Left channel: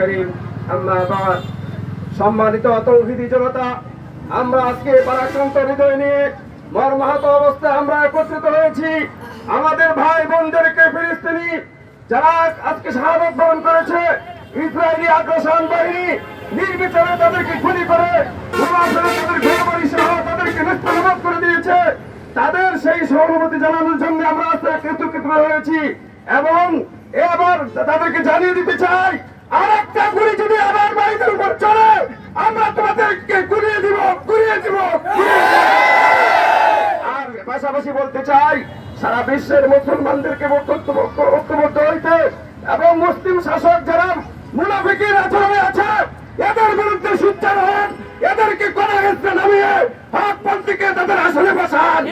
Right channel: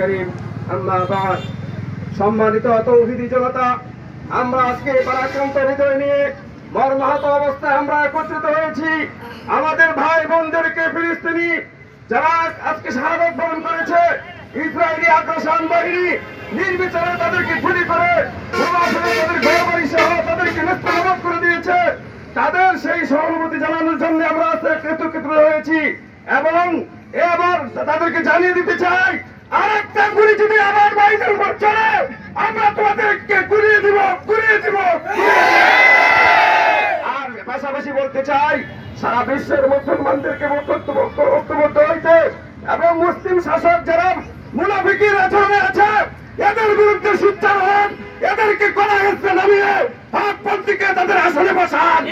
করিম আম্মা বাদ। সম্মানিত তৌহিদি জনতা, আমরা আজকে পরাক্রান্ত হৃদয় নিয়ে মর্মাহত অবস্থায় আমরা একত্রিত হয়েছি। আমাদের ভাই বোনদেরকে ফিলিস্তিনি যারা আজকে শাহাদাত বরণ করেছে, ইসরায়েলি আগ্রাসন বাহিনী নির্বিচারে তাদেরকে গুলি করে তাদের ঘরবাড়ি সহ তাদেরকে নেস্তানাবুদ করে দিয়েছে। তাদের সেই সহানুভূতি জানানোর জন্য আমরা আজকে একত্রিত হয়েছি এবং এবার তাদেরকে জানিয়ে দিতে চাই, আরেকটা গুলি যদি আবার বাড়িতে উপর চলে, আমরা তোমাদেরকে গুলিয়ে দিব। আর পাশাপাশি বলতে চাই, সারা বিশ্বের মুসলমানদেরকে ঐক্যবদ্ধ হইতে এবং মুসলিম শাসক যারা মুনাফিকের আচরণে আছে এদের বিরুদ্ধে সোচ্চার হন, এদেরকে কড়া হেসে নামিয়ে হকপন্থীকে তাদের আসনে বসান,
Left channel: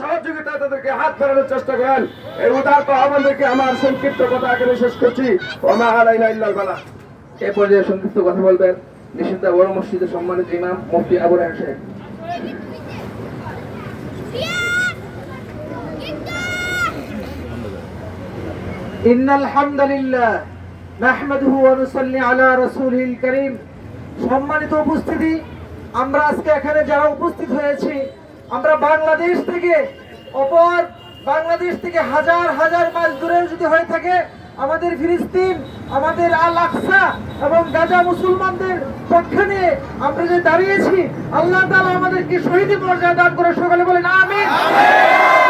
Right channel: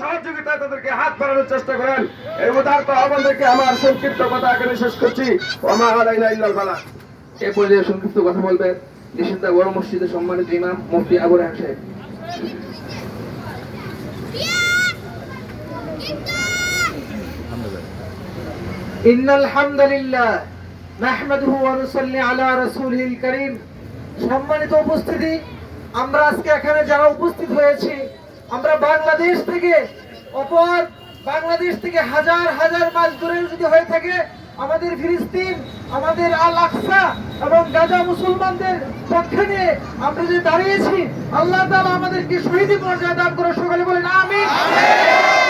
সহযোগিতায় তাদেরকে হাত বাড়ানোর চেষ্টা করেন। এই উদারত আহ্বান রেখে আমার সংক্ষিপ্ত কথা এখানে শেষ করছি। ওমা আলাইনা ইল্লাল বালাগ। এ পর্যায়ে সংক্ষিপ্ত কথা বলবেন নিশ্চিন্তা বড় মসজিদের সম্মানিত ইমাম মুফতি আবু রায়হান সাহেব। ইন্নাল হামদুলিল্লাহ নাহমাদুহু ওয়া নুসাল্লি আলা রাসূলিল কারীম। সম্মানিত উপস্থিতি, আমরা আজকে এখানে যারা উপস্থিত হয়েছি, আমরা বাংলাদেশ থেকে হাজার হাজার মাইল দূরে যদি হয়ে থাকে, আমাদের ফিলিস্তিন, আমাদের আল আকসা এবং গাজা মুসলমানদের পক্ষে নিয়ে আমরা যে দাঁড়িয়েছি, আল্লাহ তাআলা আমাদেরকে শহীদি মর্যাদা দান করে। সকালে বলেন আমিন।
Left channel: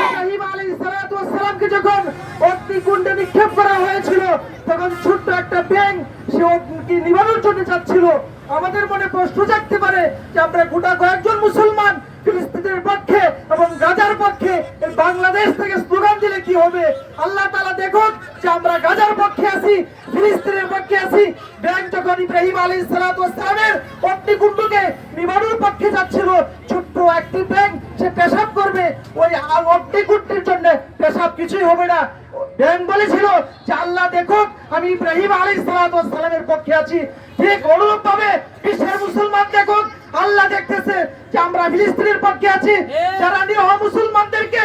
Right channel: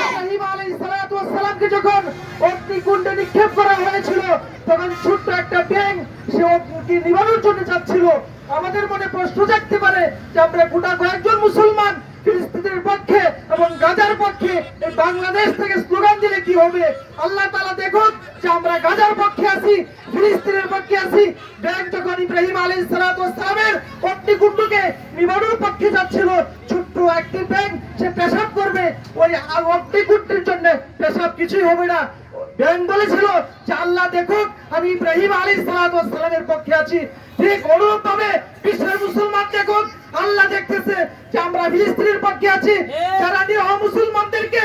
ইব্রাহিম আলাইহিস সালাতু ওয়াস সালামকে যখন অগ্নিকুণ্ডে নিক্ষেপ করা হয়েছিল, তখন ছোট্ট একটা ব্যাঙ সে অগ্নি নিবারণের জন্য যাচ্ছিল। আমাদের মনে প্রশ্ন জাগতে পারে যে আমরা গোটা কয়েকজন মুসলমান ফিলিস্তিনের পক্ষে এবং গাজার পক্ষে এই বাংলাদেশ থেকে স্লোগান দিলে কি হবে? আল্লাহ তাআলা দেখুন যে আমরা গাজার পক্ষে আছি, ফিলিস্তিনের পক্ষে আছি। ব্যাঙ যখন ইব্রাহিম আলাইহিস সালাতু ওয়াস সালামের অগ্নিকুণ্ডকে নিবারণের পক্ষে যাচ্ছিল, ছোট্ট একটি ব্যাঙ সে পেশাব করবে, ওই অগ্নিকুণ্ডের জন্য পেশাব কিছুই হবে না। ব্যাঙ বলেছিল যে আল্লাহ দেখুক আমি ইব্রাহিম আলাইহিস সালাতু ওয়াস সালামের পক্ষে আছি। ঠিক অনুরূপ ভাবে বিশ্বের মুসলমান দেখুন, আল্লাহ দেখতেছে যে আমরা ফিলিস্তিনের পক্ষে আছি। যারা নিরহ মুসলমানদেরকে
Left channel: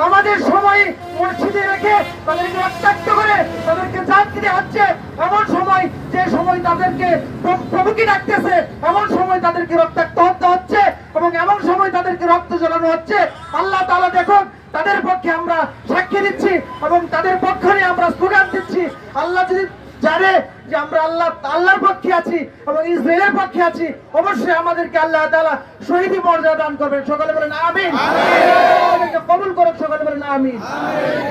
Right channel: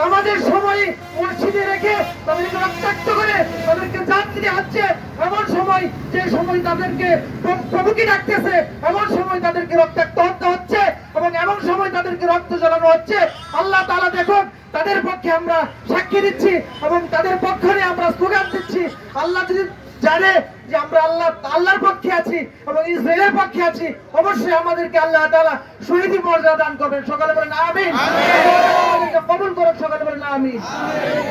নামাজের সময় মসজিদে রেখে তাদেরকে রক্তাক্ত করে তাদেরকে জান দিতে হচ্ছে, এমন সময় যে সময় তাদেরকে প্রভুকে ডাকতেছে, এমন সময় তাদেরকে রক্তাক্ত হতে হচ্ছে এবং এমন সময় তাদেরকে রক্ত জ্বালানো হচ্ছে। আল্লাহ তাআলা দেখুন, তাদের পক্ষে আমরা সাক্ষী দিচ্ছি এবং তাদের পক্ষে নিয়ে আমরা স্লোগান দিচ্ছি। আল্লাহ যদি জানে যে আমরা আল্লাহর পক্ষে আছি এবং ইসরায়েলের পক্ষে আছি, অবশ্যই আমাদেরকে আল্লাহ তাআলা শহীদি মর্যাদা দান করবেন। সকালে বলেন আমিন। আমাদেরকে কবুল করুন। সকালে বলেন আমিন।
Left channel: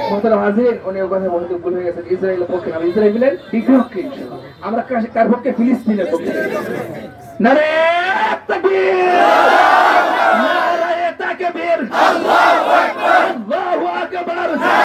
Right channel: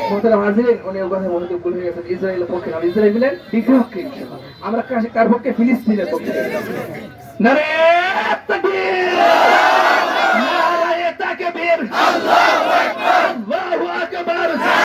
মোহতারাম হাজিরিন, উনি ওই কথা বলতে ভুলে গেছেন, ইসরায়েলের পক্ষে না, ইসরায়েলের বিপক্ষে। আমরা কার পক্ষে? ফিলিস্তিনের পক্ষে। নারে তাকবীর।